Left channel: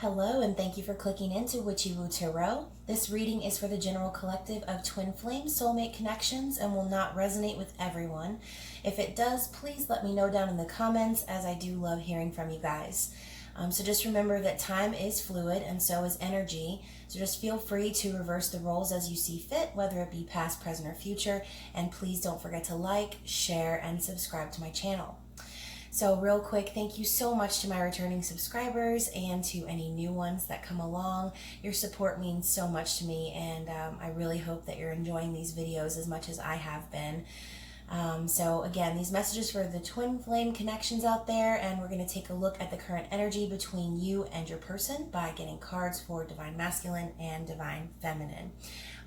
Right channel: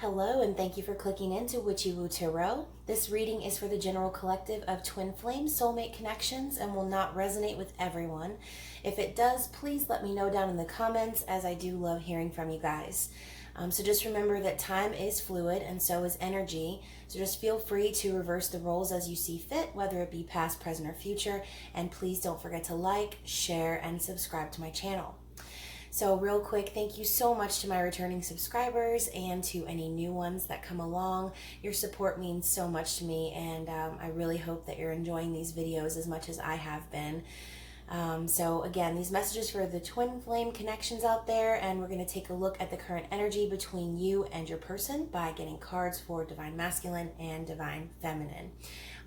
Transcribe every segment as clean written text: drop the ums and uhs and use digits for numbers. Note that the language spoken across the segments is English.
Hello, and thank you for clicking into Witchy-Woo Tarot. This reading is for the general collective of twin flame soulmate connections and will not resonate with everyone. If it does, please let me know down in the comments, as I do love hearing from you guys. So just remember that time is fluid and so is energy. So just feel free to reverse the roles as you see fit, whether it be past, present, or future. And please don't forget to like, share, and subscribe to my channel. So real quick, thank you so much to my returning subscribers and to any new ones that come along. Your support means so much to me, and I really hope that you're enjoying these videos as much as I have been. So again, these messages for the twin flame connections out there, and we're going to take a look at the current energy between you and your person by getting cards for Divine Masculine and Divine Feminine.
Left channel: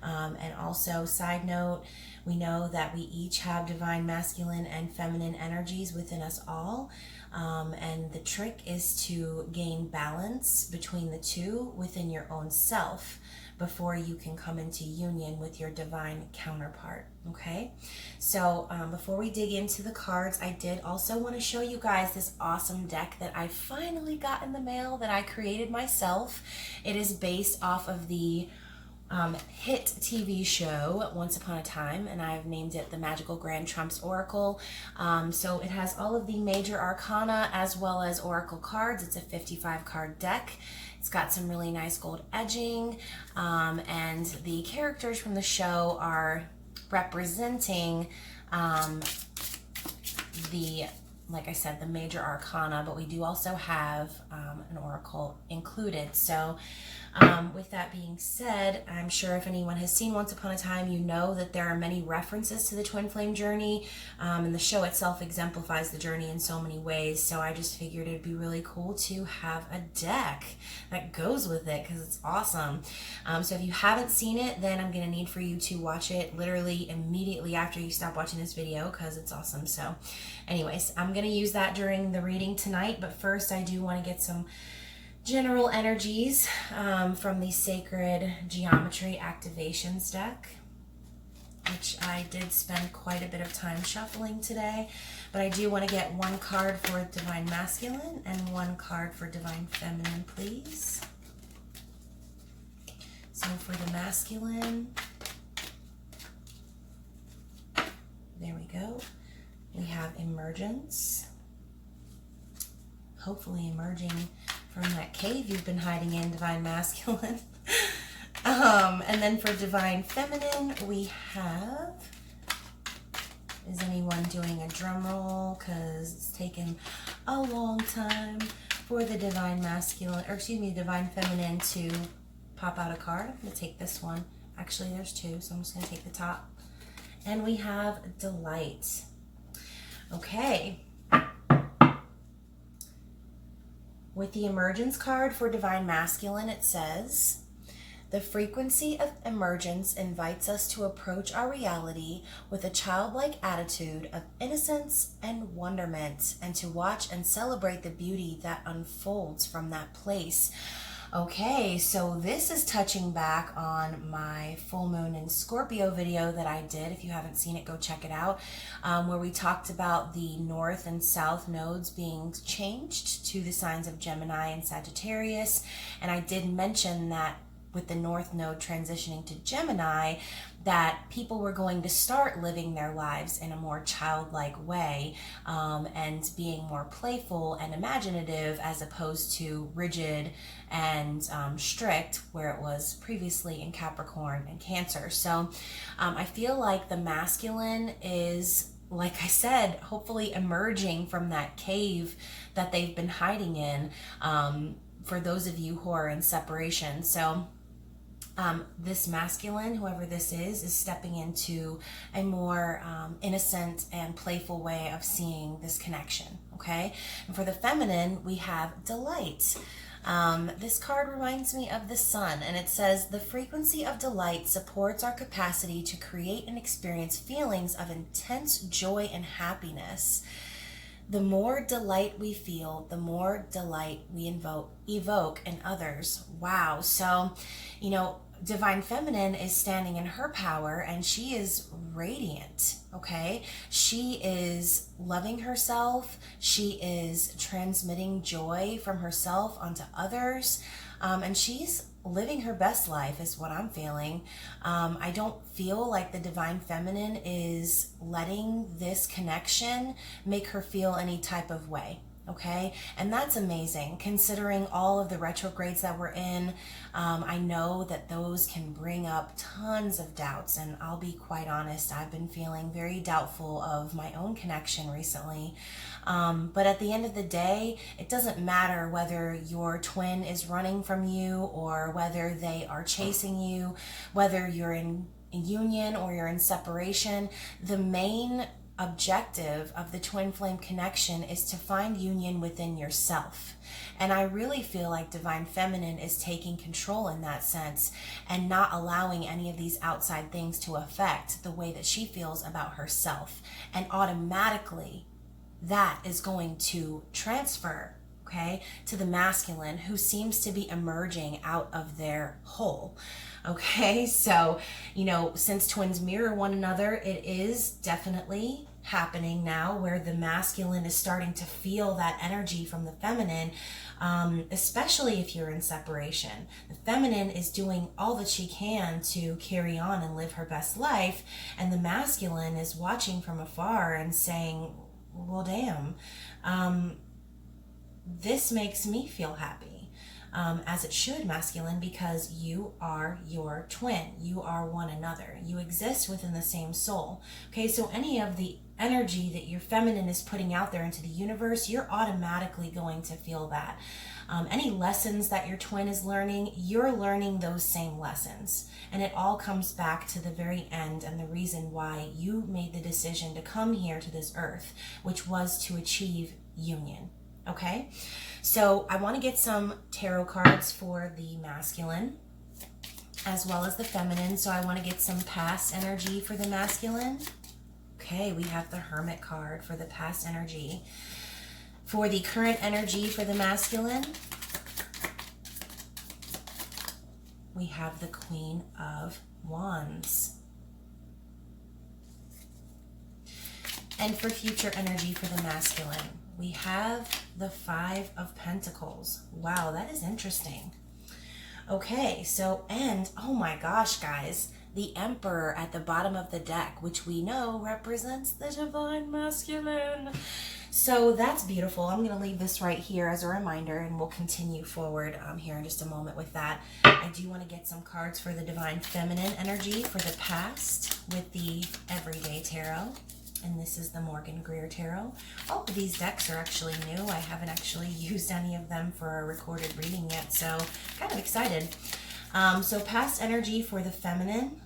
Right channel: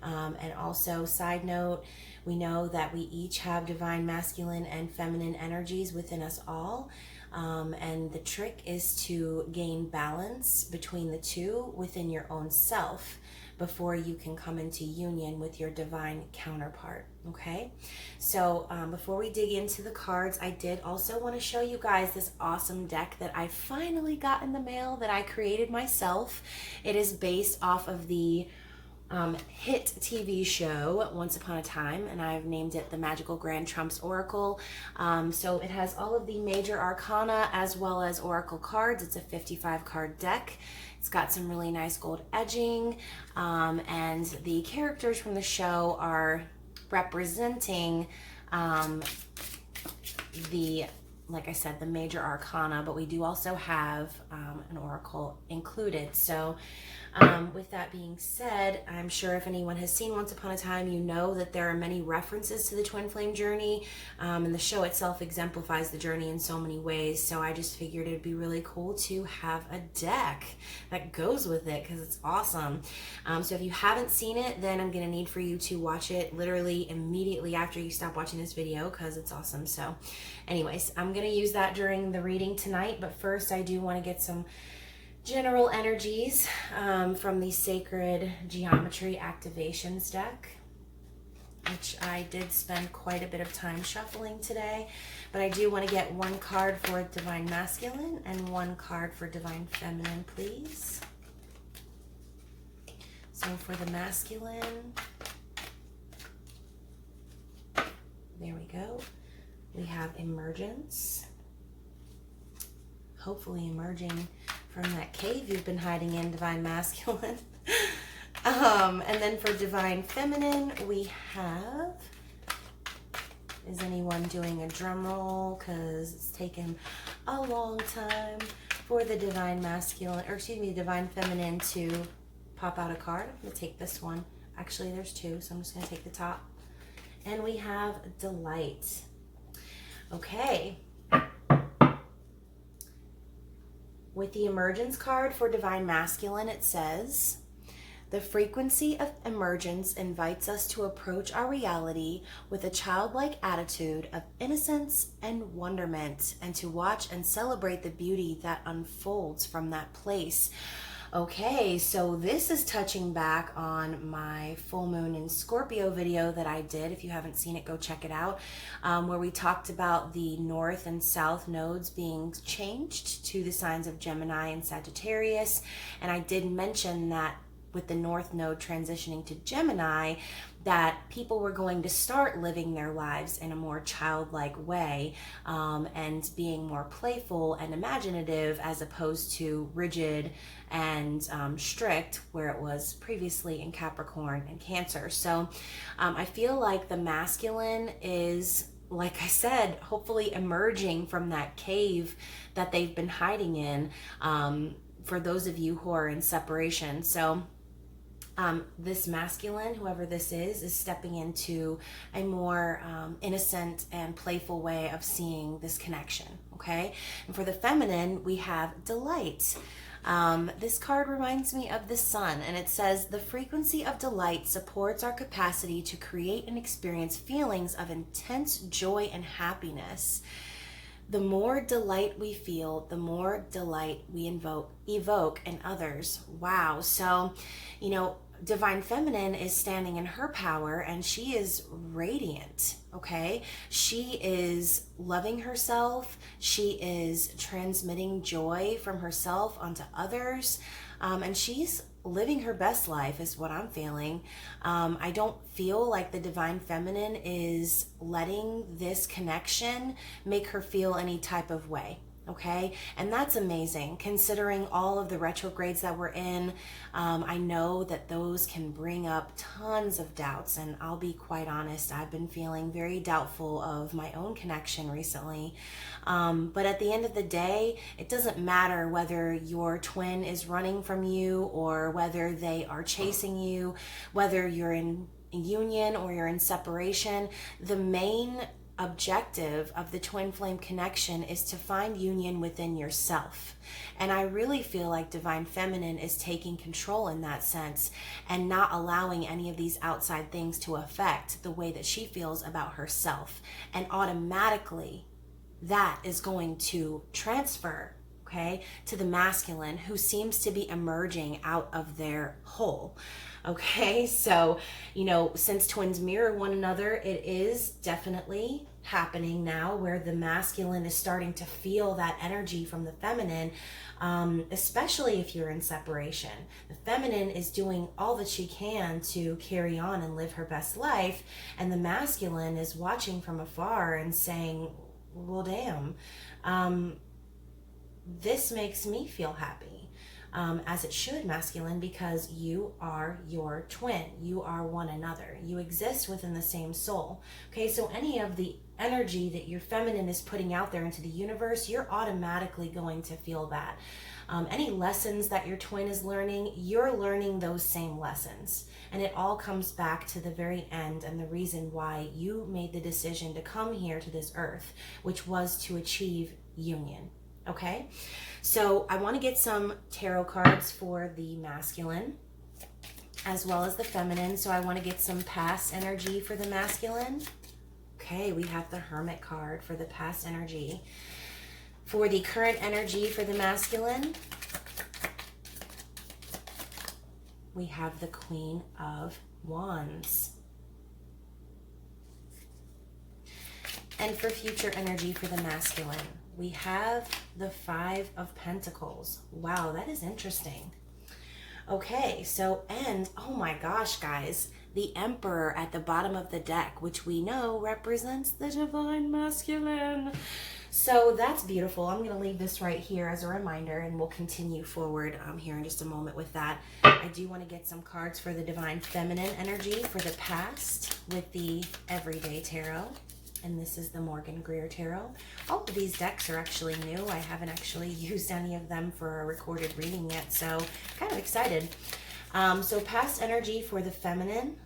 And also, side note, we know that we each have divine masculine and feminine energies within us all. And the trick is to gain balance between the two within your own self before you can come into union with your divine counterpart. Okay, so before we dig into the cards, I did also want to show you guys this awesome deck that I finally got in the mail that I created myself. It is based off of the hit TV show Once Upon a Time, and I've named it the Magical Grand Trumps Oracle. So it has all of the major arcana as well as oracle cards. It's a 55 card deck. It's got some really nice gold edging, and the characters from the show are representing like I said, the major arcana, but we do also have an oracle included. So with that being said, I'm sure if anyone has seen Once Upon a Time, you know that there are many references to the twin flame journey, and the show itself exemplifies the journey in so many ways. So I just figured it'd be really cool to have a deck that goes with it, because it's awesome. So if you haven't seen it, then I'm going to need for you to watch it literally immediately after you stop watching this video, because it's awesome. So anyways, I'm going to use that during the reading tonight, but first I do want to get some general energies from the Sacred Geometry Activations deck, which I did spend quite a bit of time shuffling today, but I do want to get one card for Divine Masculine and one card for Divine Feminine, please. So for the masculine, there we go. We have Emergence, hopefully emerging from that cave you've been hiding in, Divine Masculine. And then for Divine Feminine, we have, is anyone doing a drum roll? Because it's taken a long time for the Divine Masculine, or excuse me, Divine Feminine to pop out a card. I'm going to take this one. Actually, there's two, so I'm just going to take the top. And we have Delight. Okay. With the Emergence card for Divine Masculine, it says, the frequency of emergence invites us to approach our reality with a childlike attitude of innocence and wonderment, and to watch and celebrate the beauty that unfolds from that place. Okay, so this is touching back on my full moon in Scorpio video that I did. If you haven't seen it, go check it out, where we talked about the north and south nodes being changed to the signs of Gemini and Sagittarius. And I did mention that with the north node transitioning to Gemini, that people were going to start living their lives in a more childlike way, and being more playful and imaginative, as opposed to rigid and strict, where it was previously in Capricorn and Cancer. So I feel like the masculine is, like I said, hopefully emerging from that cave that they've been hiding in, for those of you who are in separation. So this masculine, whoever this is stepping into a more innocent and playful way of seeing this connection, okay? And for the feminine, we have Delight. This card reminds me of the sun, and it says, the frequency of delight supports our capacity to create and experience feelings of intense joy and happiness. The more delight we feel, the more delight we evoke in others. Wow. So, Divine Feminine is standing in her power and she is radiant, okay? She is loving herself. She is transmitting joy from herself onto others. And she's living her best life is what I'm feeling. I don't feel like the Divine Feminine is letting this connection make her feel any type of way. Okay, and that's amazing considering all of the retrogrades that we're in. I know that those can bring up tons of doubts, and I'll be quite honest, I've been feeling very doubtful of my own connection recently. But at the end of the day, it doesn't matter whether your twin is running from you or whether they are chasing you, whether you're in union or you're in separation. The main objective of the twin flame connection is to find union within yourself. And I really feel like Divine Feminine is taking control in that sense and not allowing any of these outside things to affect the way that she feels about herself. And automatically that is going to transfer, okay, to the masculine who seems to be emerging out of their hole. Okay, so, since twins mirror one another, it is definitely happening now where the masculine is starting to feel that energy from the feminine, especially if you're in separation. The feminine is doing all that she can to carry on and live her best life, and the masculine is watching from afar and saying, well, damn, this makes me feel happy. As it should, masculine, because you are your twin. You are one another. You exist within the same soul. Okay, so any of the energy that your feminine is putting out there into the universe, you're automatically going to feel that. Any lessons that your twin is learning, you're learning those same lessons. And it all comes back to the very end and the reason why you made the decision to come here to this earth, which was to achieve union. Okay, so I want to get some tarot cards for the masculine as well as the feminine. So I want to get some past energy for the masculine. Okay, we have the Hermit card for the past energy. For the current energy for the masculine, we have the Queen of Wands. And for future energy for the masculine, we have the Five of Pentacles. Wow, that is interesting. Okay, so, and oh my gosh, guys, the Emperor at the bottom of the deck, which we know represents the Divine Masculine. So that's beautiful. I'm going to leave this right here as a reminder, and we'll continue forward here in just a moment with that. I do want to get some cards for the Divine Feminine energy for the past with the Everyday Tarot. And this is the Morgan Greer Tarot. All of these decks are actually new. I haven't actually used any of them for a recorded reading yet, so kind of excited. So past energy for the feminine.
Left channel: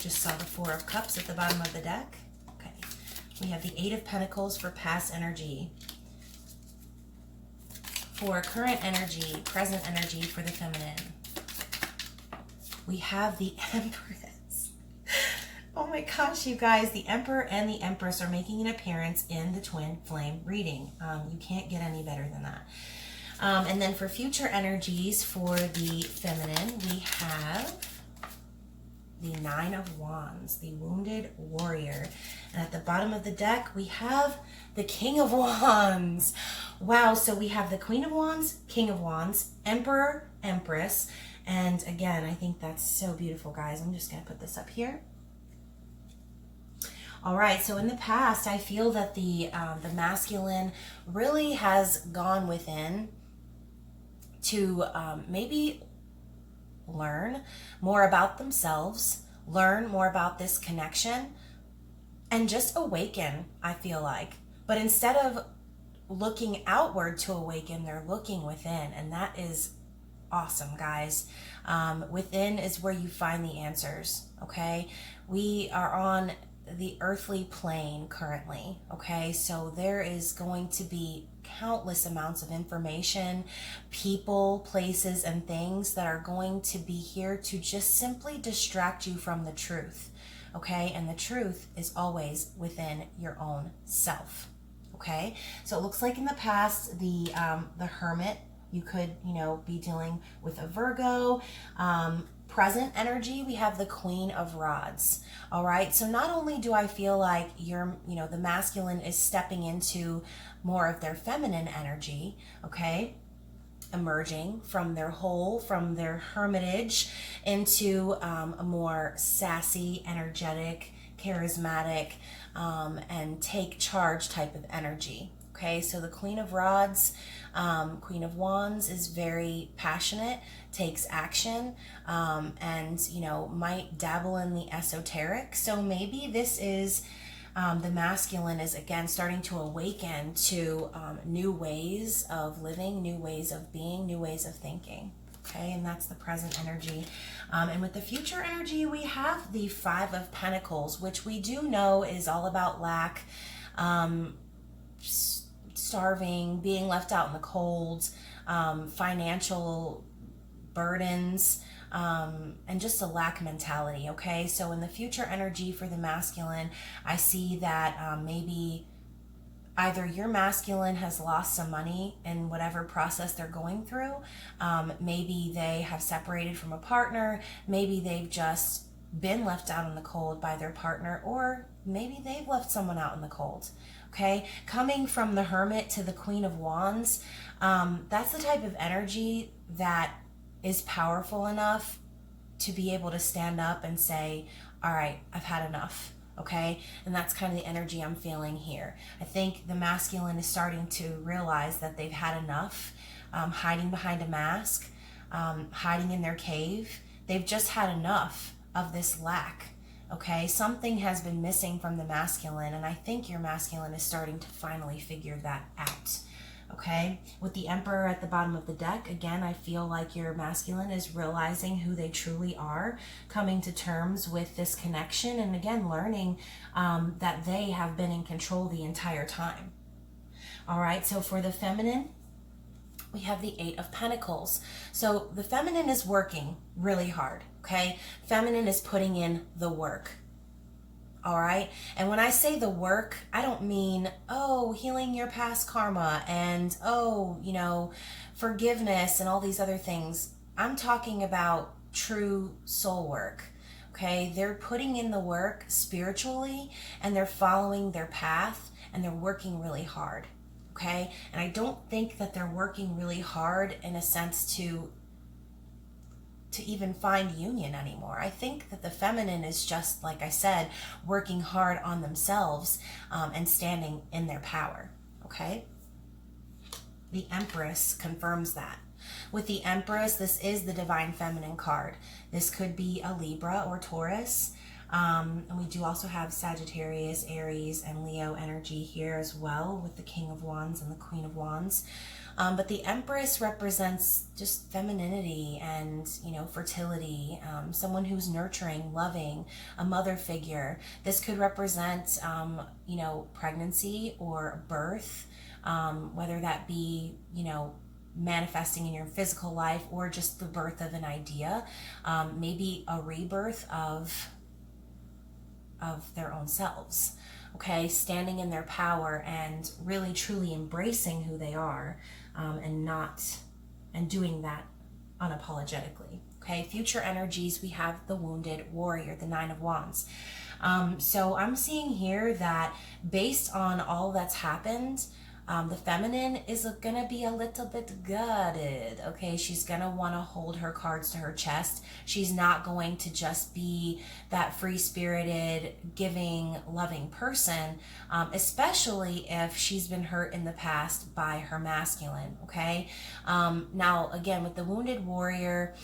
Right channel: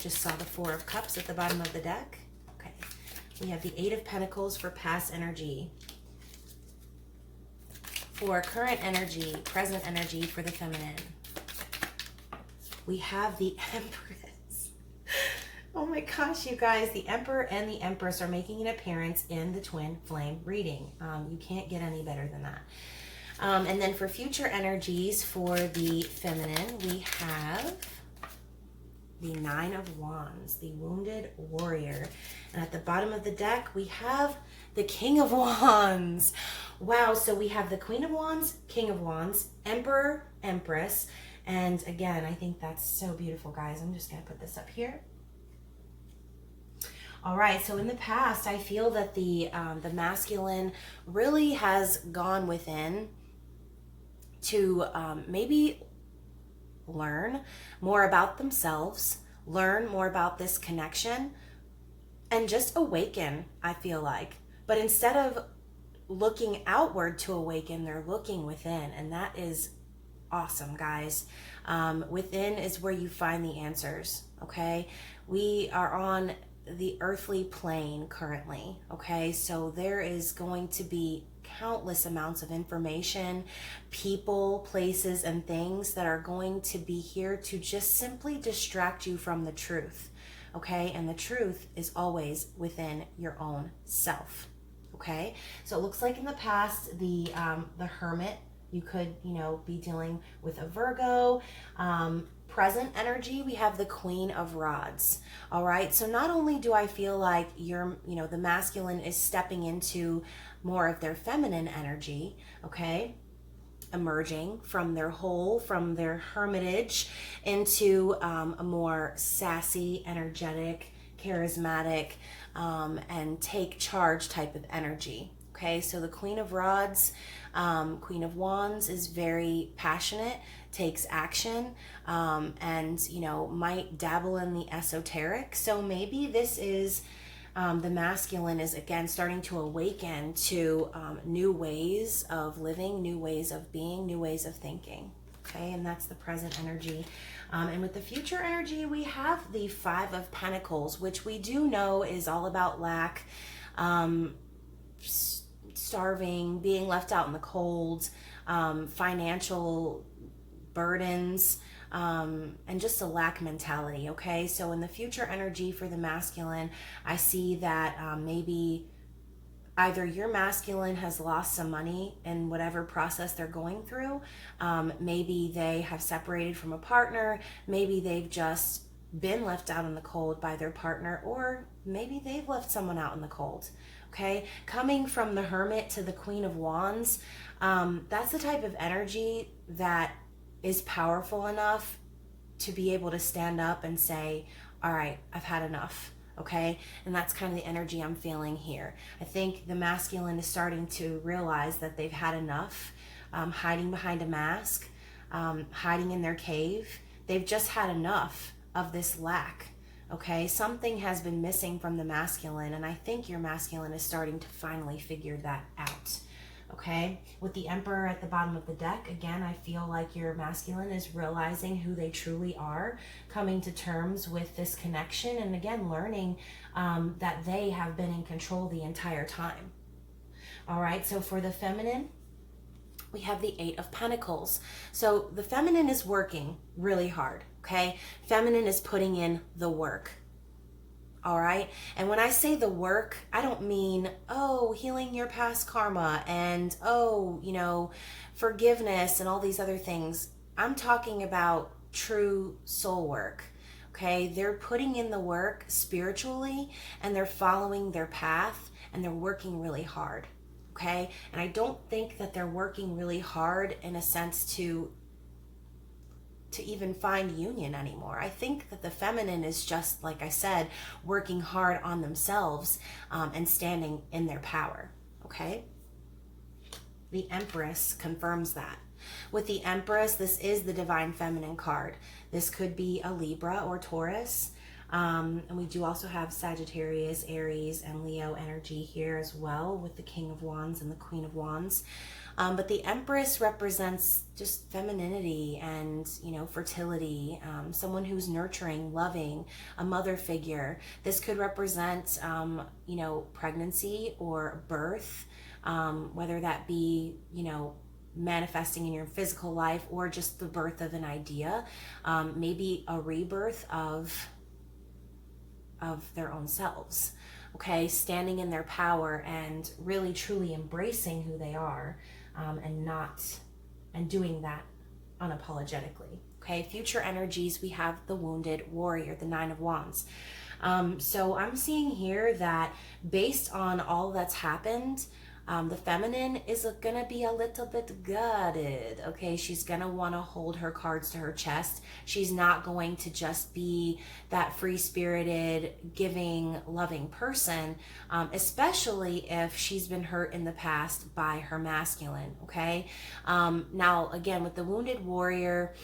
Just saw the Four of Cups at the bottom of the deck. Okay. We have the Eight of Pentacles for past energy. For current energy, present energy for the feminine, we have the Empress. Oh my gosh, you guys, the Emperor and the Empress are making an appearance in the twin flame reading. You can't get any better than that. And then for future energies for the feminine, we have the Nine of Wands, the Wounded Warrior. And at the bottom of the deck, we have the King of Wands. Wow, so we have the Queen of Wands, King of Wands, Emperor, Empress. And again, I think that's so beautiful, guys. I'm just going to put this up here. All right, so in the past, I feel that the masculine really has gone within to maybe learn more about themselves, learn more about this connection, and just awaken, I feel like. But instead of looking outward to awaken, they're looking within, and that is awesome, guys. Within is where you find the answers, okay? We are on the earthly plane currently, okay? So there is going to be countless amounts of information, people, places, and things that are going to be here to just simply distract you from the truth, okay? And the truth is always within your own self, okay? So it looks like in the past, the Hermit, you could, be dealing with a Virgo. Present energy, we have the Queen of Rods. All right, so not only do I feel like the masculine is stepping into more of their feminine energy, okay, emerging from their hole, from their hermitage into a more sassy, energetic, charismatic, and take charge type of energy. Okay, so the Queen of Rods, Queen of Wands is very passionate, takes action, and might dabble in the esoteric. So maybe this is the masculine is again starting to awaken to new ways of living, new ways of being, new ways of thinking. Okay, and that's the present energy. And with the future energy, we have the Five of Pentacles, which we do know is all about lack, starving, being left out in the cold, financial burdens, and just a lack mentality. Okay, so in the future energy for the masculine, I see that maybe either your masculine has lost some money in whatever process they're going through. Maybe they have separated from a partner. Maybe they've just been left out in the cold by their partner, or maybe they've left someone out in the cold. Okay, coming from the Hermit to the Queen of Wands, that's the type of energy that is powerful enough to be able to stand up and say, all right, I've had enough. Okay, and that's kind of the energy I'm feeling here. I think the masculine is starting to realize that they've had enough, hiding behind a mask, hiding in their cave. They've just had enough of this lack. Okay, something has been missing from the masculine, and I think your masculine is starting to finally figure that out. Okay, with the Emperor at the bottom of the deck, again, I feel like your masculine is realizing who they truly are, coming to terms with this connection, and again, learning that they have been in control the entire time. All right, so for the feminine, we have the Eight of Pentacles. So the feminine is working really hard, okay? Feminine is putting in the work. All right. And when I say the work, I don't mean, healing your past karma and, forgiveness and all these other things. I'm talking about true soul work. Okay. They're putting in the work spiritually, and they're following their path, and they're working really hard. Okay. And I don't think that they're working really hard in a sense to even find union anymore. I think that the feminine is just, like I said, working hard on themselves and standing in their power. Okay? The Empress confirms that. With the Empress, this is the Divine Feminine card. This could be a Libra or Taurus. And we do also have Sagittarius, Aries, and Leo energy here as well, with the King of Wands and the Queen of Wands. But the Empress represents just femininity and, fertility, someone who's nurturing, loving, a mother figure. This could represent, pregnancy or birth, whether that be, manifesting in your physical life or just the birth of an idea, maybe a rebirth of their own selves. Okay, standing in their power and really truly embracing who they are, and doing that unapologetically. Okay, future energies, we have the Wounded Warrior, the Nine of Wands. So I'm seeing here that based on all that's happened, the feminine is going to be a little bit guarded. Okay, she's going to want to hold her cards to her chest. She's not going to just be that free-spirited, giving, loving person, especially if she's been hurt in the past by her masculine. Okay, now again, with the Wounded Warrior,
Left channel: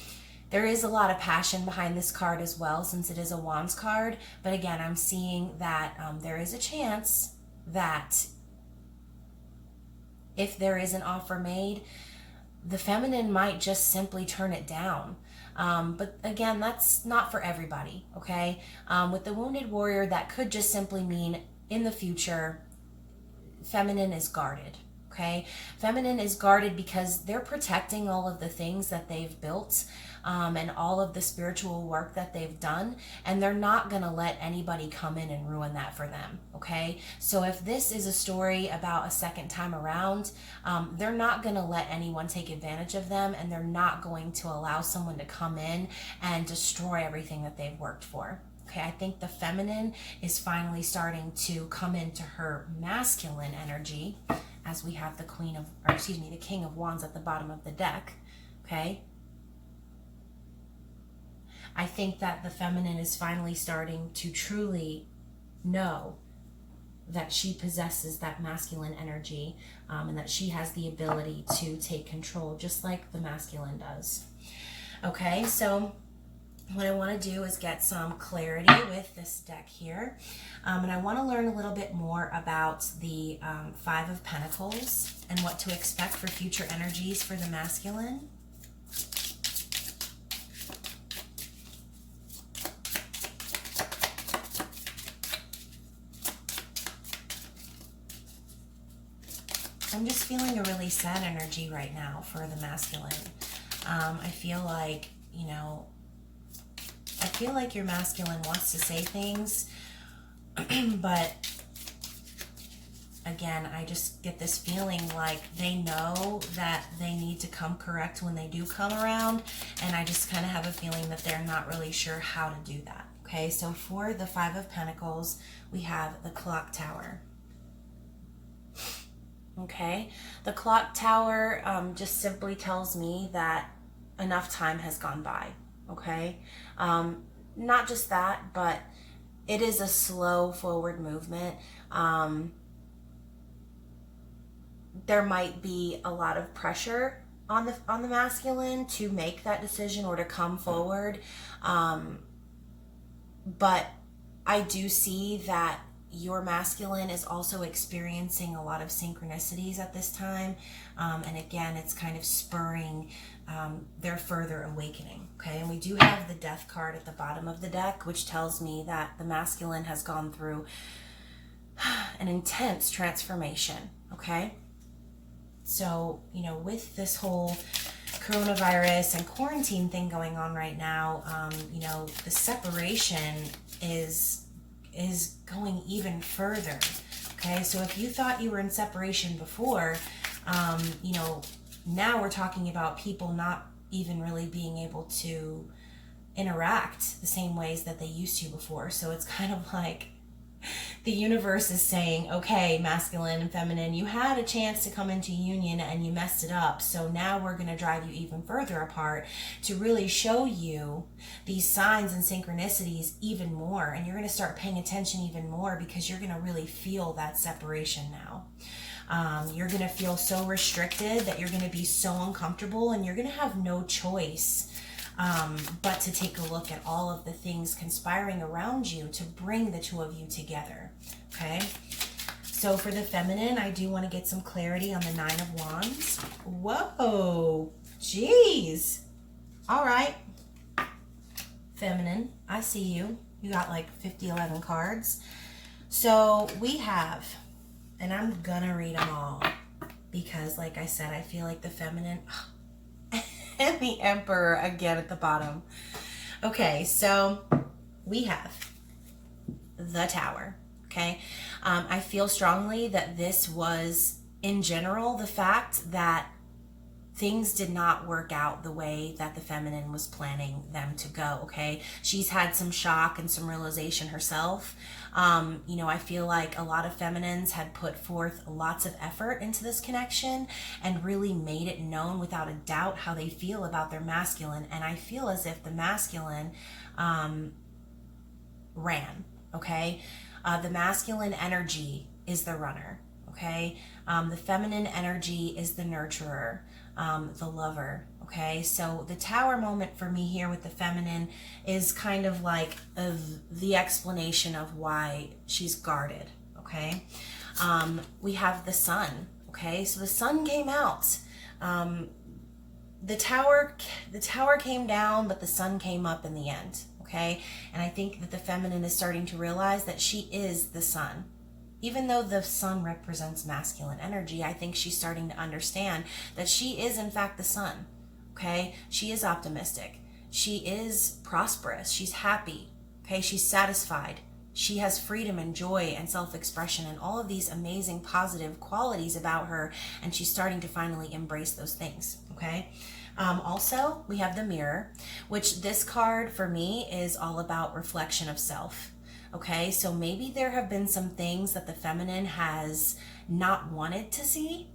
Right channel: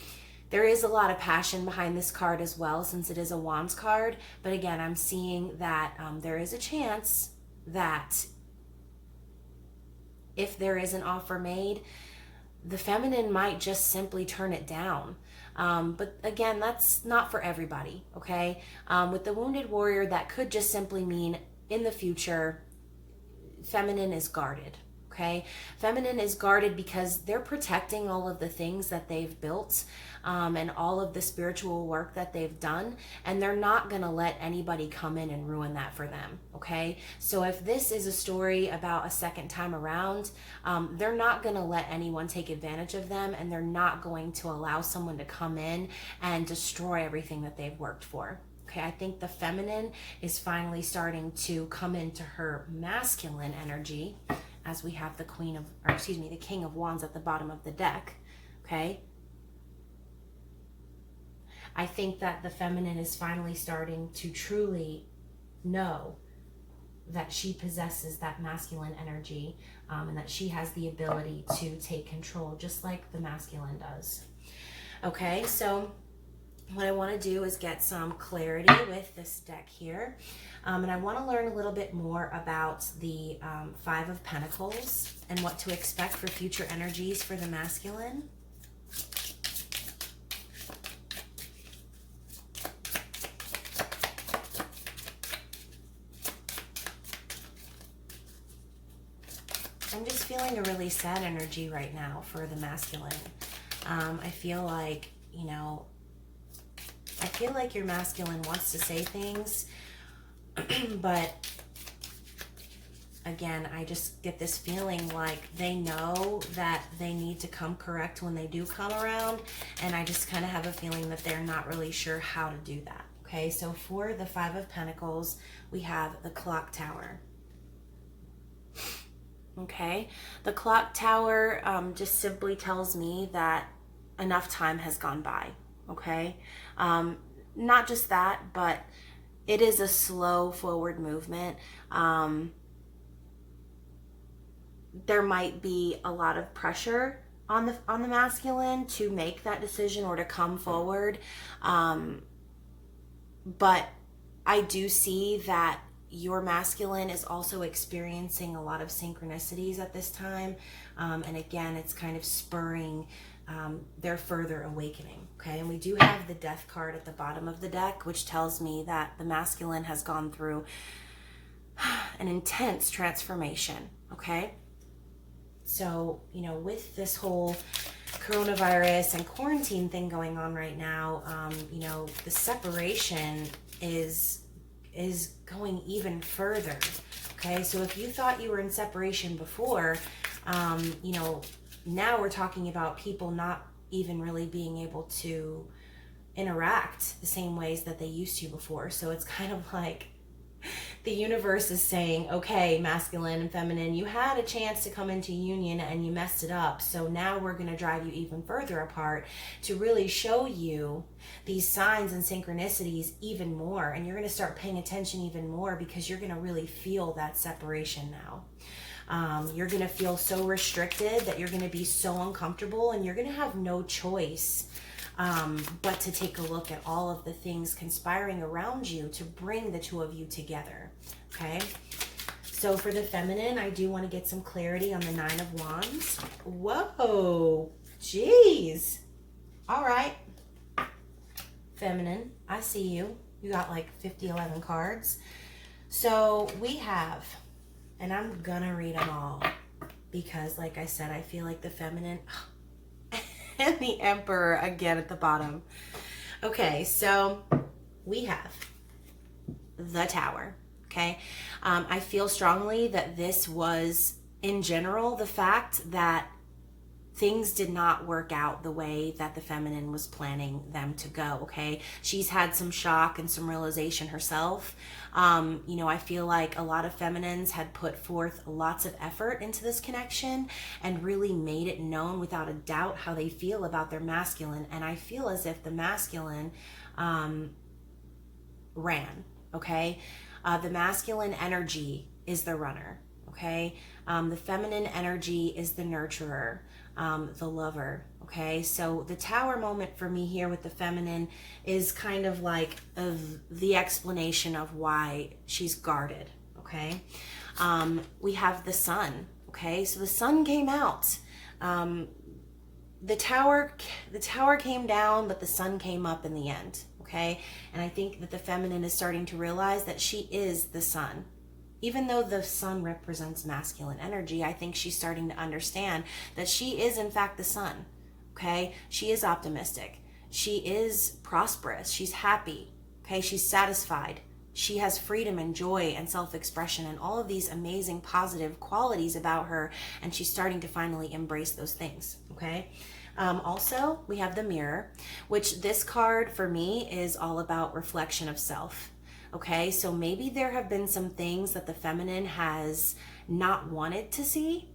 there is a lot of passion behind this card as well, since it is a Wands card. But again, I'm seeing that there is a chance that if there is an offer made, the feminine might just simply turn it down. But again, that's not for everybody, okay? With the Wounded Warrior, that could just simply mean in the future, feminine is guarded, Okay, feminine is guarded because they're protecting all of the things that they've built, and all of the spiritual work that they've done, and they're not going to let anybody come in and ruin that for them. Okay, so if this is a story about a second time around, they're not going to let anyone take advantage of them, and they're not going to allow someone to come in and destroy everything that they've worked for. Okay, I think the feminine is finally starting to come into her masculine energy, as we have the the King of Wands at the bottom of the deck. Okay, I think that the feminine is finally starting to truly know that she possesses that masculine energy, and that she has the ability to take control just like the masculine does. Okay, so what I want to do is get some clarity with this deck here. And I want to learn a little bit more about the Five of Pentacles and what to expect for future energies for the masculine. I'm just feeling a really sad energy right now for the masculine. I feel like, I feel like your masculine wants to say things, but again, I just get this feeling like they know that they need to come correct when they do come around, and I just kind of have a feeling that they're not really sure how to do that. Okay, so for the Five of Pentacles, we have the Clock Tower. Okay, the Clock Tower just simply tells me that enough time has gone by. Okay, not just that, but it is a slow forward movement. There might be a lot of pressure on the masculine to make that decision or to come forward, but I do see that your masculine is also experiencing a lot of synchronicities at this time, and again, it's kind of spurring their further awakening. Okay, and we do have the Death card at the bottom of the deck, which tells me that the masculine has gone through an intense transformation. Okay, so with this whole coronavirus and quarantine thing going on right now, the separation is going even further. Okay, so if you thought you were in separation before, now we're talking about people not even really being able to interact the same ways that they used to before. So it's kind of like the universe is saying, okay, masculine and feminine, you had a chance to come into union and you messed it up. So now we're going to drive you even further apart to really show you these signs and synchronicities even more. And you're going to start paying attention even more because you're going to really feel that separation now. You're going to feel so restricted that you're going to be so uncomfortable, and you're going to have no choice but to take a look at all of the things conspiring around you to bring the two of you together. Okay, so for the feminine, I do want to get some clarity on the Nine of Wands. Whoa, geez. All right, feminine, I see you. You got like 11 cards. So we have, and I'm gonna read them all because, like I said, I feel like the feminine and the Emperor again at the bottom. Okay, so we have the Tower. Okay, I feel strongly that this was, in general, the fact that things did not work out the way that the feminine was planning them to go. Okay, she's had some shock and some realization herself. I feel like a lot of feminines had put forth lots of effort into this connection and really made it known without a doubt how they feel about their masculine. And I feel as if the masculine ran. Okay, the masculine energy is the runner. Okay, the feminine energy is the nurturer, the lover. Okay, so the Tower moment for me here with the feminine is kind of like the explanation of why she's guarded. Okay, we have the Sun. Okay, so the Sun came out. The tower came down, but the Sun came up in the end. Okay, and I think that the feminine is starting to realize that she is the Sun. even though the sun represents masculine energy, I think she's starting to understand that she is in fact the sun. Okay, she is optimistic, she is prosperous, she's happy, okay, she's satisfied, she has freedom and joy and self-expression and all of these amazing positive qualities about her, and she's starting to finally embrace those things. Okay. Also, we have the mirror, which this card for me is all about reflection of self. Okay, so maybe there have been some things that the feminine has not wanted to see.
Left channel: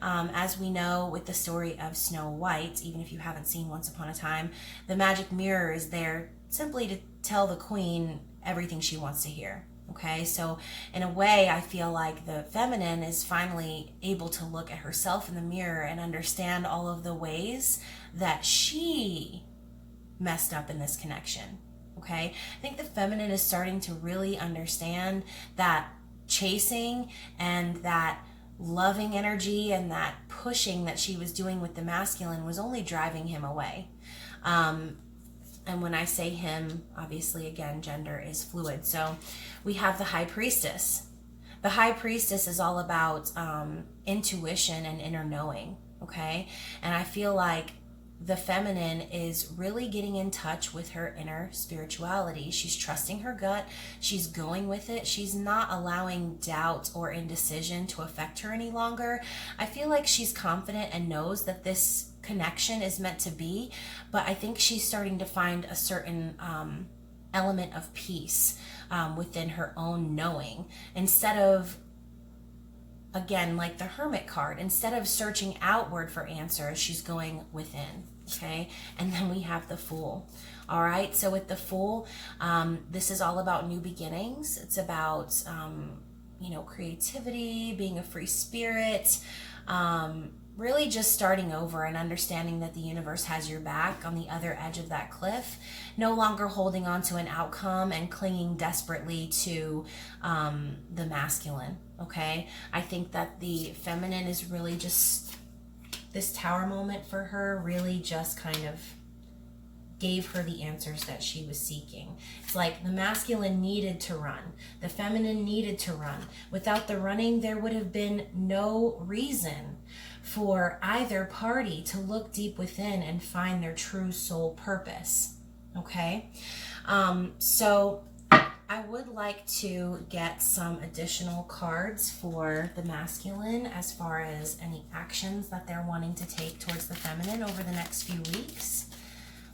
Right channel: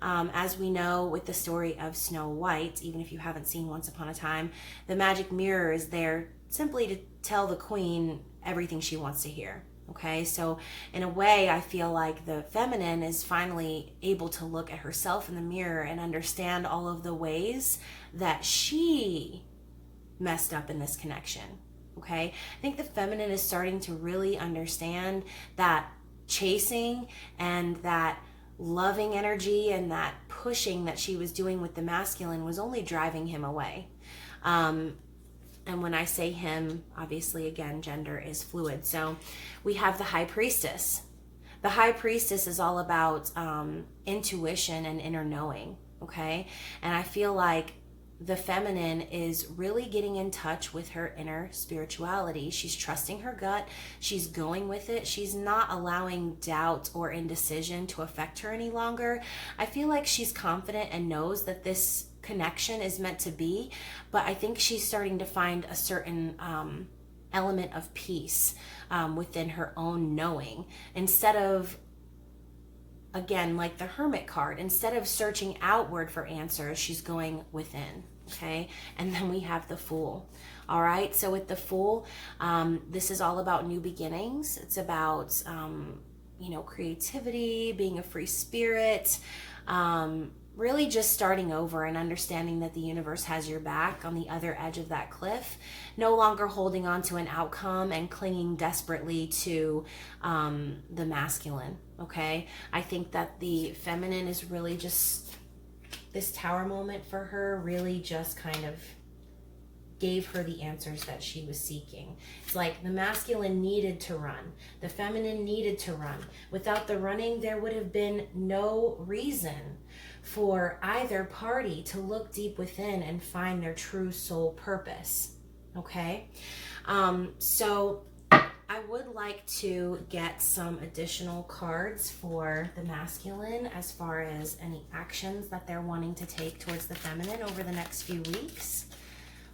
As we know with the story of Snow White, even if you haven't seen Once Upon a Time, the magic mirror is there simply to tell the queen everything she wants to hear. Okay, so in a way, I feel like the feminine is finally able to look at herself in the mirror and understand all of the ways that she messed up in this connection. Okay, I think the feminine is starting to really understand that chasing and that loving energy and that pushing that she was doing with the masculine was only driving him away. And when I say him, obviously, again, gender is fluid. So we have the High Priestess. The High Priestess is all about intuition and inner knowing, okay? And I feel like the feminine is really getting in touch with her inner spirituality. She's trusting her gut. She's going with it. She's not allowing doubt or indecision to affect her any longer. I feel like she's confident and knows that this connection is meant to be, but I think she's starting to find a certain element of peace within her own knowing. Instead of, again, like the Hermit card, instead of searching outward for answers, she's going within. Okay, and then we have the Fool. All right, so with the Fool, this is all about new beginnings. It's about creativity, being a free spirit, really just starting over and understanding that the universe has your back on the other edge of that cliff, no longer holding on to an outcome and clinging desperately to the masculine. Okay, I think that the feminine is really just, this Tower moment for her really just kind of gave her the answers that she was seeking. It's like the masculine needed to run, the feminine needed to run. Without the running, there would have been no reason for either party to look deep within and find their true soul purpose. Okay, so I would like to get some additional cards for the masculine as far as any actions that they're wanting to take towards the feminine over the next few weeks.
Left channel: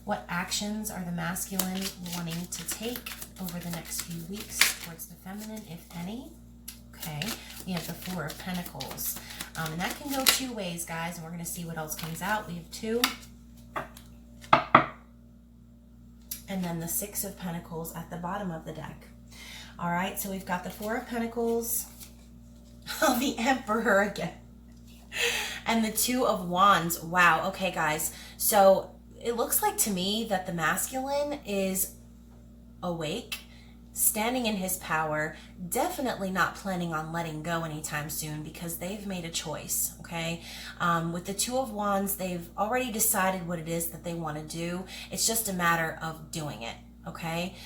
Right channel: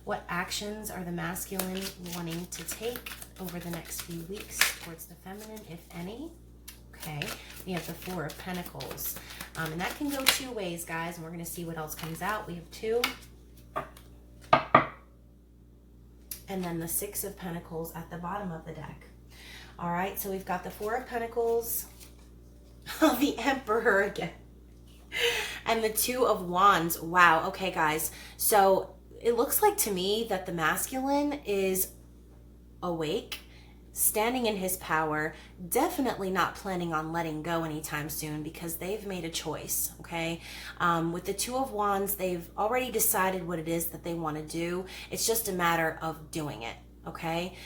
What actions are the masculine wanting to take over the next few weeks towards the feminine, if any? Okay, we have the Four of Pentacles. And that can go two ways, guys, and we're going to see what else comes out. We have two. And then the Six of Pentacles at the bottom of the deck. All right, so we've got the Four of Pentacles, the Emperor again, and the Two of Wands. Wow, okay, guys. So it looks like to me that the masculine is awake, standing in his power, definitely not planning on letting go anytime soon because they've made a choice, okay? With the Two of Wands, they've already decided what it is that they want to do. It's just a matter of doing it, okay?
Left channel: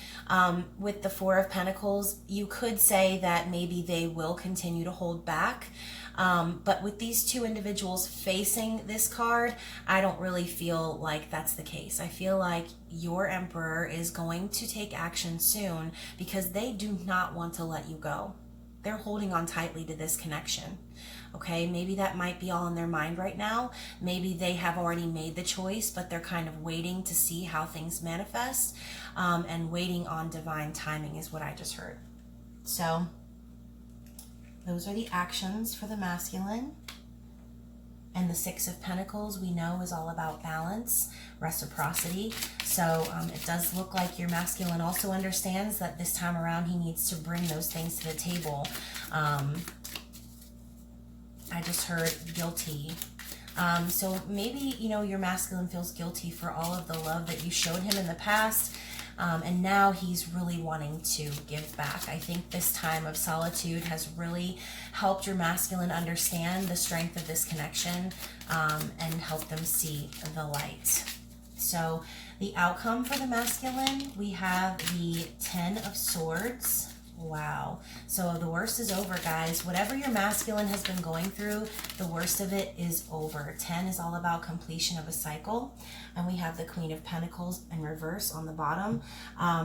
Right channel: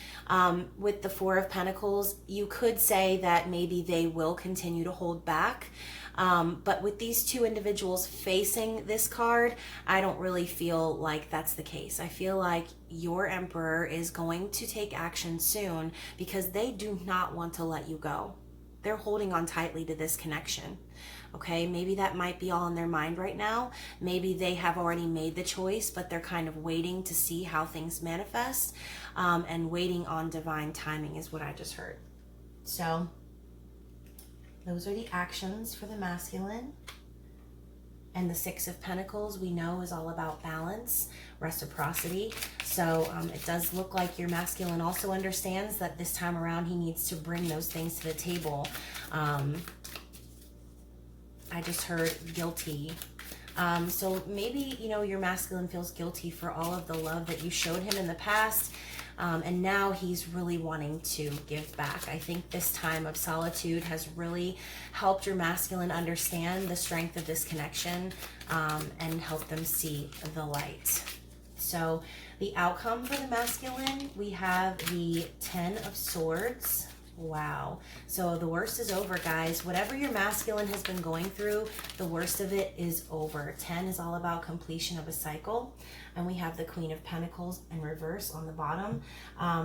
With the Four of Pentacles, you could say that maybe they will continue to hold back. But with these two individuals facing this card, I don't really feel like that's the case. I feel like your Emperor is going to take action soon because they do not want to let you go. They're holding on tightly to this connection. Okay, maybe that might be all in their mind right now. Maybe they have already made the choice, but they're kind of waiting to see how things manifest, and waiting on divine timing is what I just heard. So those are the actions for the masculine. And the Six of Pentacles, we know, is all about balance, reciprocity. So it does look like your masculine also understands that this time around he needs to bring those things to the table. I just heard guilty. So maybe, your masculine feels guilty for all of the love that you showed him in the past. And now he's really wanting to give back. I think this time of solitude has really helped your masculine understand the strength of this connection, and help them see the light. So the outcome for the masculine, we have the Ten of Swords Wow. So the worst is over, guys. Whatever your masculine has been going through, the worst of it is over. 10 is all about completion of a cycle. And we have the Queen of Pentacles in reverse on the bottom.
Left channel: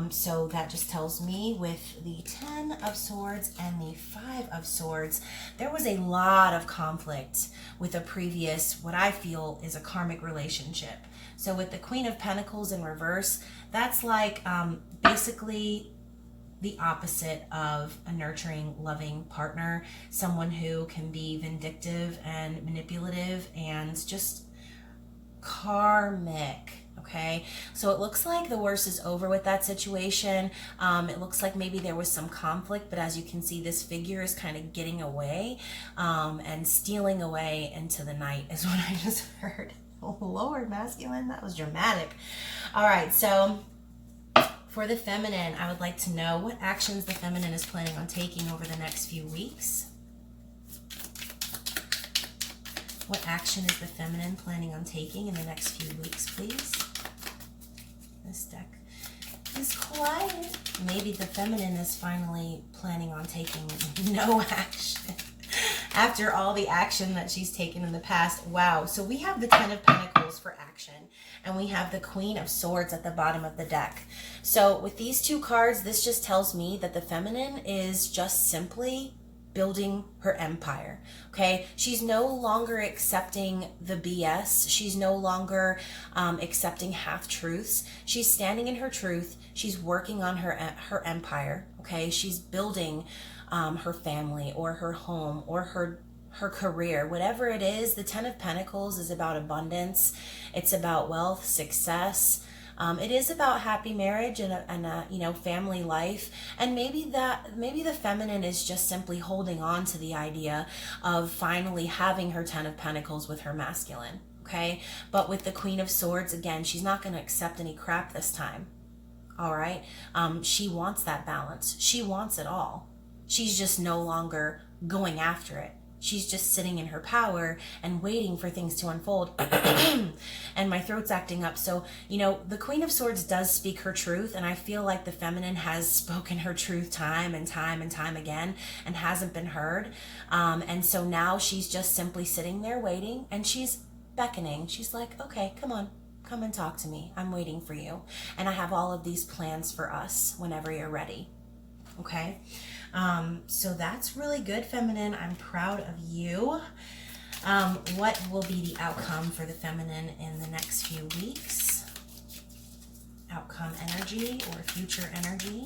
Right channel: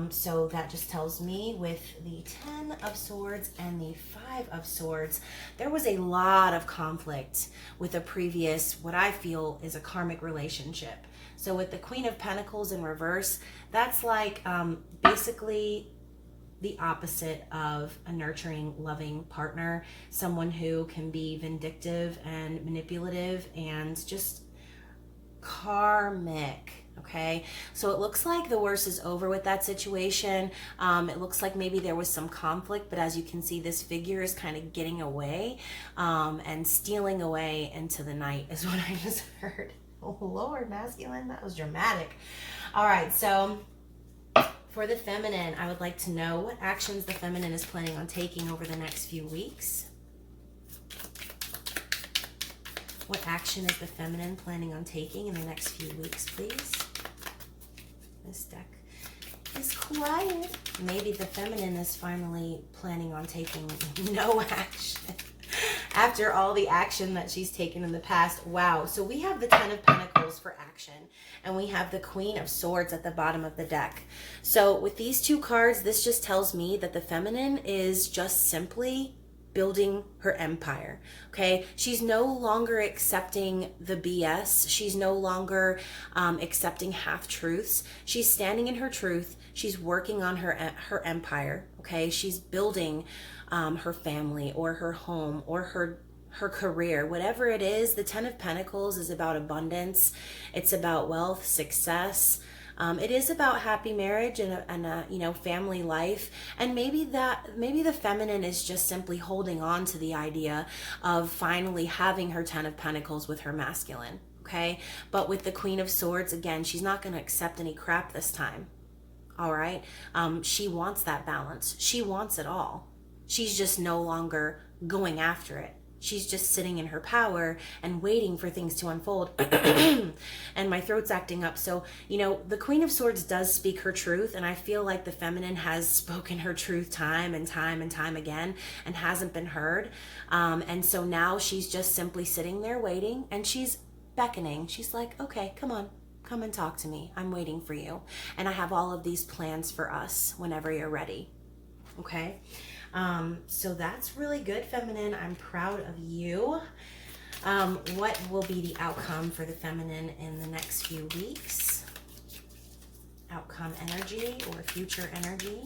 So that just tells me with the 10 of Swords and the 5 of Swords, there was a lot of conflict with a previous, what I feel is a karmic relationship. So with the Queen of Pentacles in reverse, that's like basically the opposite of a nurturing, loving partner, someone who can be vindictive and manipulative and just karmic. Okay, so it looks like the worst is over with that situation. It looks like maybe there was some conflict, but as you can see, this figure is kind of getting away and stealing away into the night is what I just heard. Oh Lord, masculine, that was dramatic. All right, so for the feminine, I would like to know what actions the feminine is planning on taking over the next few weeks. What action is the feminine planning on taking in the next few weeks, please? This deck is quiet. Maybe the feminine is finally planning on taking no action after all the action that she's taken in the past. Wow. So we have the 10 of Pentacles for action, and we have the Queen of Swords at the bottom of the deck. So with these two cards, this just tells me that the feminine is just simply building her empire. Okay, she's no longer accepting the BS. She's no longer accepting half truths. She's standing in her truth. She's working on her empire. Okay, she's building her family or her home or her career, whatever it is. The 10 of Pentacles is about abundance. It's about wealth, success. It is about happy marriage and a family life. And maybe the feminine is just simply holding on to the idea of finally having her 10 of Pentacles with her masculine. Okay, but with the Queen of Swords, again, she's not going to accept any crap this time. All right, she wants that balance. She wants it all. She's just no longer going after it. She's just sitting in her power and waiting for things to unfold. And my throat's acting up. So, the Queen of Swords does speak her truth. And I feel like the feminine has spoken her truth time and time and time again and hasn't been heard. And so now she's just simply sitting there waiting, and she's beckoning. She's like, okay, come on. Come and talk to me. I'm waiting for you. And I have all of these plans for us whenever you're ready. Okay? So that's really good, feminine. I'm proud of you. What will be the outcome for the feminine in the next few weeks? Outcome energy or future energy.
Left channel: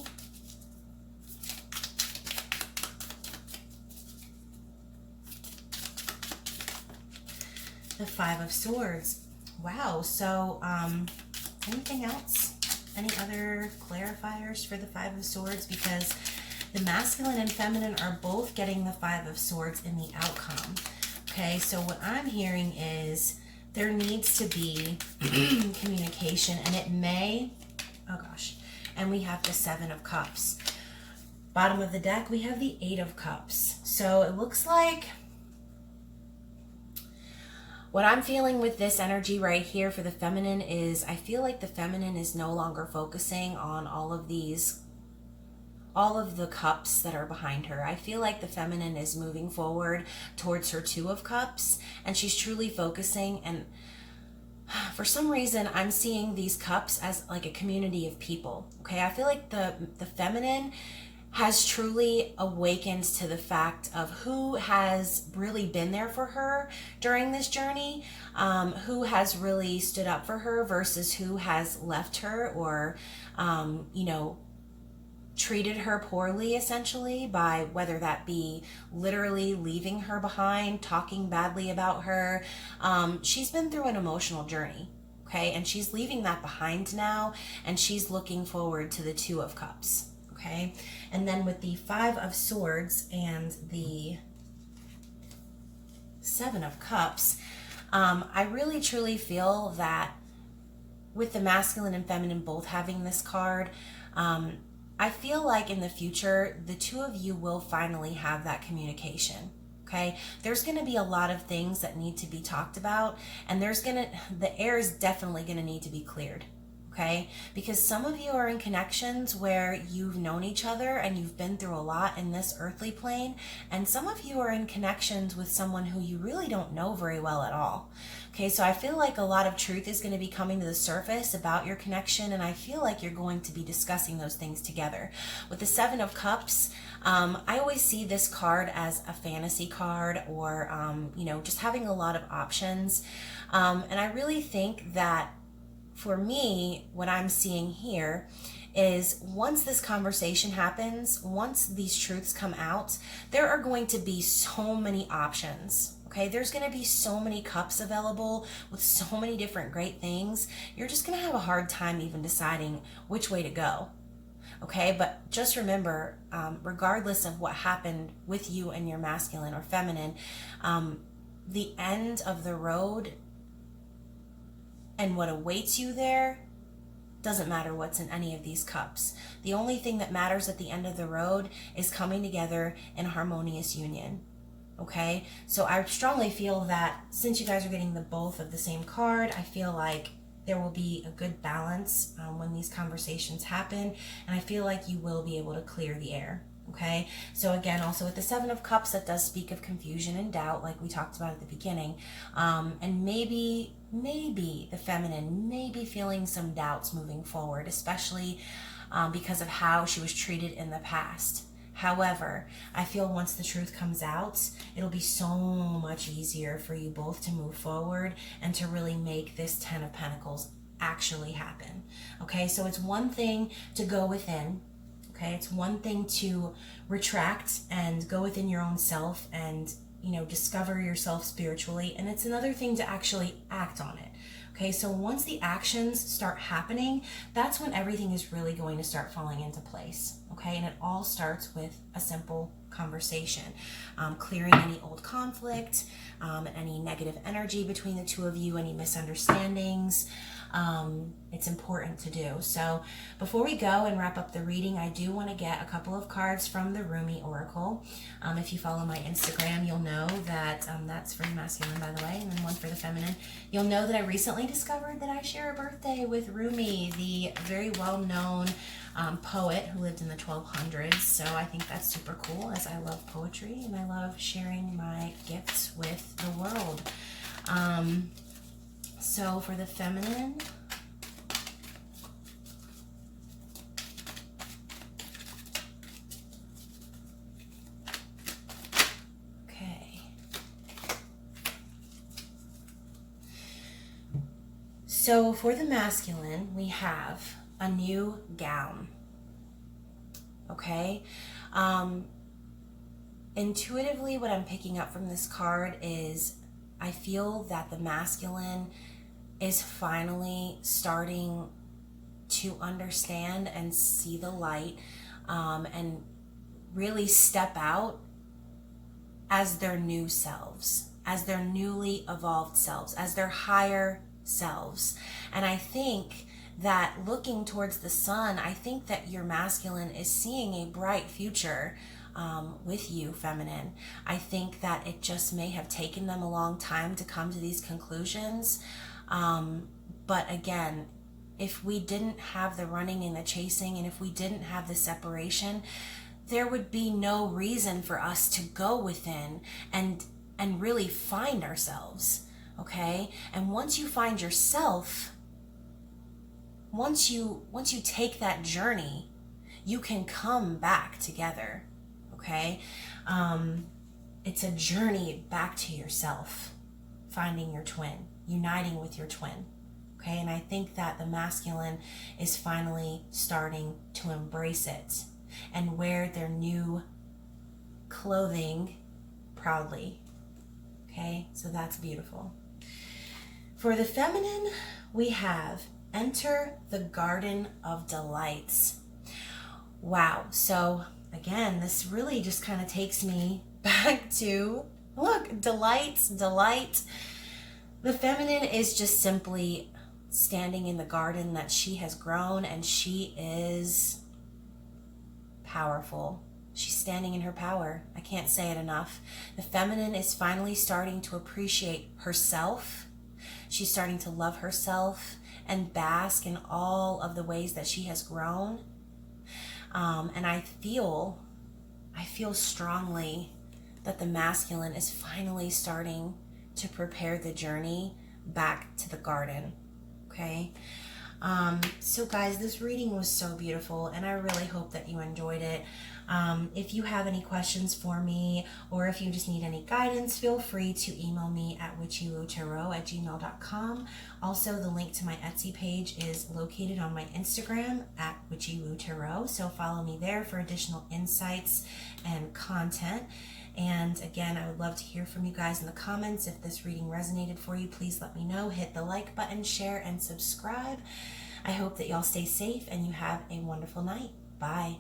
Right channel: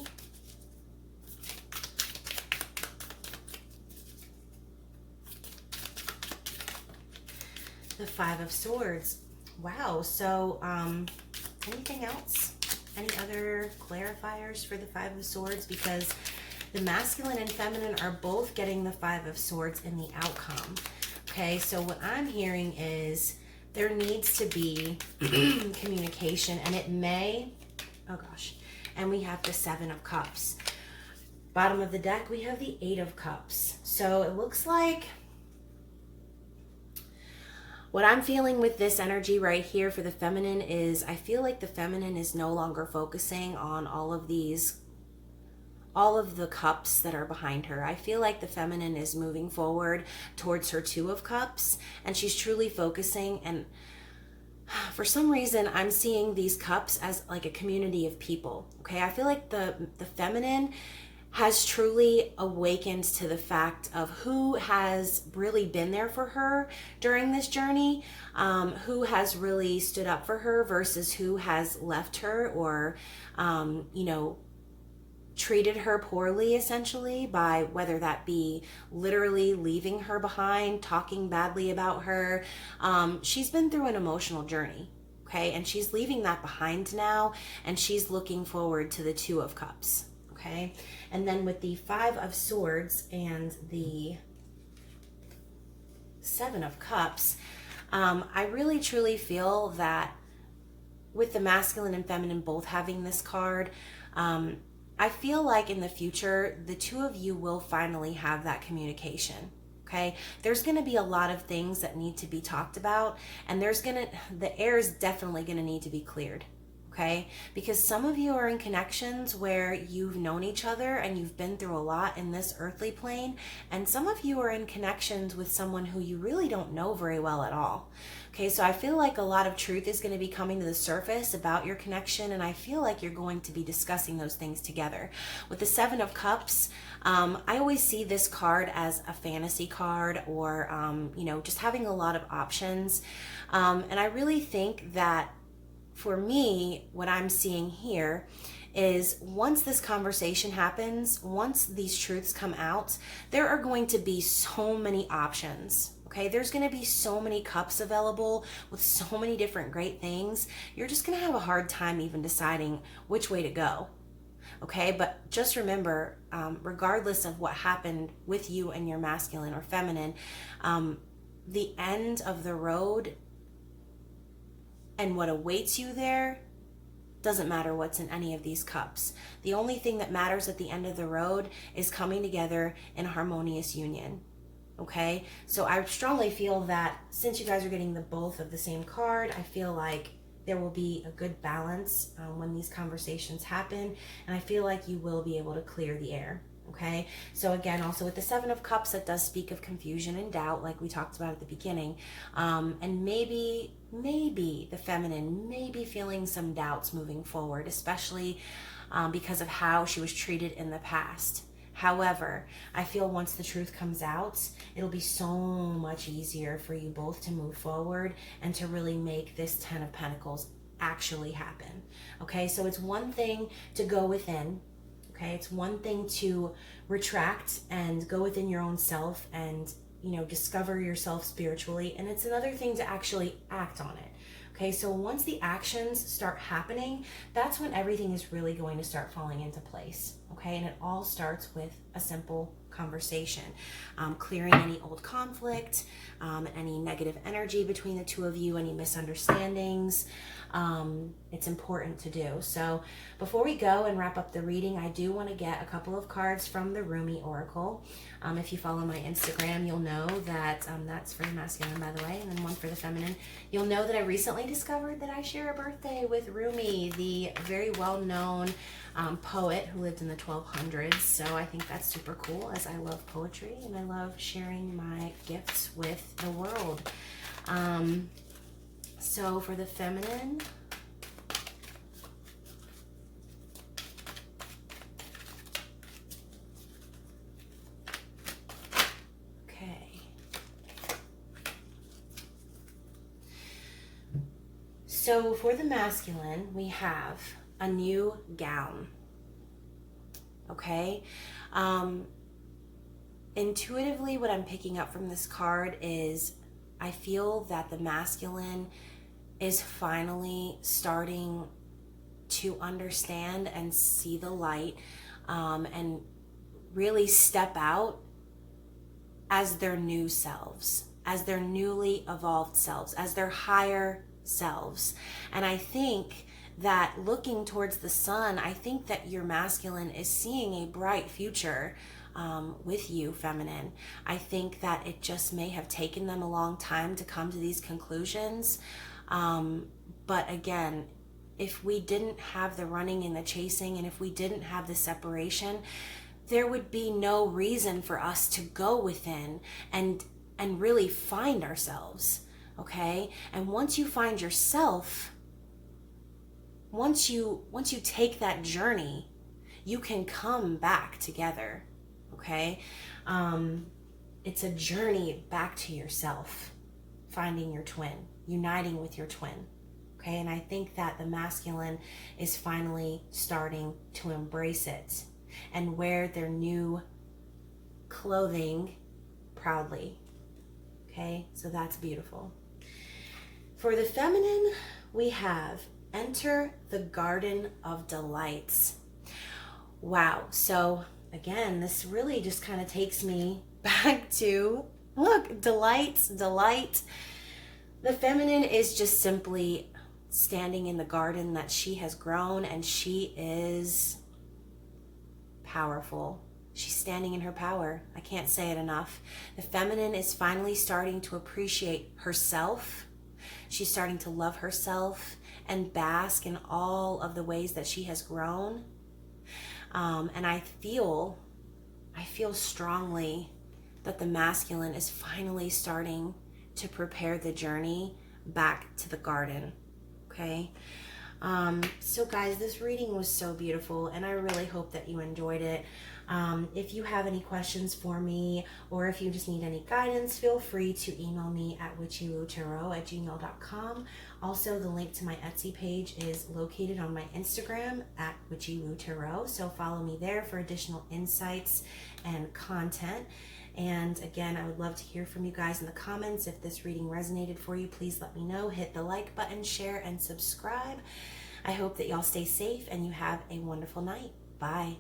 The 5 of Swords. Wow. So, anything else? Any other clarifiers for the 5 of Swords? Because the masculine and feminine are both getting the 5 of Swords in the outcome. Okay, so what I'm hearing is there needs to be communication, and it may, oh gosh, and we have the 7 of Cups. Bottom of the deck, we have the 8 of Cups. So it looks like what I'm feeling with this energy right here for the feminine is I feel like the feminine is no longer focusing on all of the cups that are behind her. I feel like the feminine is moving forward towards her 2 of Cups, and she's truly focusing. And for some reason, I'm seeing these cups as like a community of people. Okay, I feel like the feminine has truly awakened to the fact of who has really been there for her during this journey, who has really stood up for her versus who has left her or, treated her poorly, essentially, by whether that be literally leaving her behind, talking badly about her. She's been through an emotional journey, okay? And she's leaving that behind now, and she's looking forward to the 2 of Cups, okay? And then with the 5 of Swords and the 7 of Cups, I really truly feel that with the masculine and feminine both having this card, I feel like in the future, the 2 of you will finally have that communication, okay? There's going to be a lot of things that need to be talked about, and the air is definitely going to need to be cleared, okay? Because some of you are in connections where you've known each other and you've been through a lot in this earthly plane, and some of you are in connections with someone who you really don't know very well at all. Okay, so I feel like a lot of truth is going to be coming to the surface about your connection, and I feel like you're going to be discussing those things together. With the Seven of Cups, I always see this card as a fantasy card, or just having a lot of options. And I really think that for me, what I'm seeing here is once this conversation happens, once these truths come out, there are going to be so many options. Okay, there's going to be so many cups available with so many different great things. You're just going to have a hard time even deciding which way to go. Okay, but just remember, regardless of what happened with you and your masculine or feminine, the end of the road and what awaits you there doesn't matter what's in any of these cups. The only thing that matters at the end of the road is coming together in harmonious union. Okay, so I strongly feel that since you guys are getting the both of the same card, I feel like there will be a good balance when these conversations happen, and I feel like you will be able to clear the air. Okay, so again, also with the Seven of Cups, that does speak of confusion and doubt, like we talked about at the beginning, and maybe the feminine may be feeling some doubts moving forward, especially because of how she was treated in the past. However, I feel once the truth comes out, it'll be so much easier for you both to move forward and to really make this Ten of Pentacles actually happen. Okay, so it's one thing to go within. Okay, it's one thing to retract and go within your own self and, discover yourself spiritually. And it's another thing to actually act on it. Okay, so once the actions start happening, that's when everything is really going to start falling into place. Okay, and it all starts with a simple conversation, clearing any old conflict, any negative energy between the two of you, any misunderstandings. It's important to do. So before we go and wrap up the reading, I do want to get a couple of cards from the Rumi Oracle. If you follow my Instagram, you'll know that that's for the masculine, by the way, and then one for the feminine. You'll know that I recently discovered that I share a birthday with Rumi, the very well-known poet who lived in the 1200s. So I think that's super cool, as I love poetry and I love sharing my gifts with the world. So for the feminine, okay. So for the masculine, we have a new gown. Okay. Intuitively, what I'm picking up from this card is I feel that the masculine is finally starting to understand and see the light, and really step out as their new selves, as their newly evolved selves, as their higher selves. And I think that looking towards the sun, I think that your masculine is seeing a bright future with you, feminine. I think that it just may have taken them a long time to come to these conclusions. But again, if we didn't have the running and the chasing, and if we didn't have the separation, there would be no reason for us to go within and really find ourselves. Okay? And once you find yourself, once you take that journey, you can come back together. Okay? It's a journey back to yourself, finding your twin, uniting with your twin. Okay? And I think that the masculine is finally starting to embrace it and wear their new clothing proudly. Okay? So that's beautiful. For the feminine, we have enter the garden of delights. Wow. So again, this really just kind of takes me back to, look, delights, delight. The feminine is just simply standing in the garden that she has grown, and she is powerful. She's standing in her power. I can't say it enough. The feminine is finally starting to appreciate herself. She's starting to love herself and bask in all of the ways that she has grown. And I feel strongly that the masculine is finally starting to prepare the journey back to the garden. Okay. So guys, this reading was so beautiful, and I really hope that you enjoyed it. If you have any questions for me, or if you just need any guidance, feel free to email me at witchywootaro@gmail.com. Also, the link to my Etsy page is located on my Instagram at witchywootaro, so follow me there for additional insights and content. And again, I would love to hear from you guys in the comments. If this reading resonated for you, please let me know. Hit the like button, share, and subscribe. I hope that y'all stay safe and you have a wonderful night. Bye.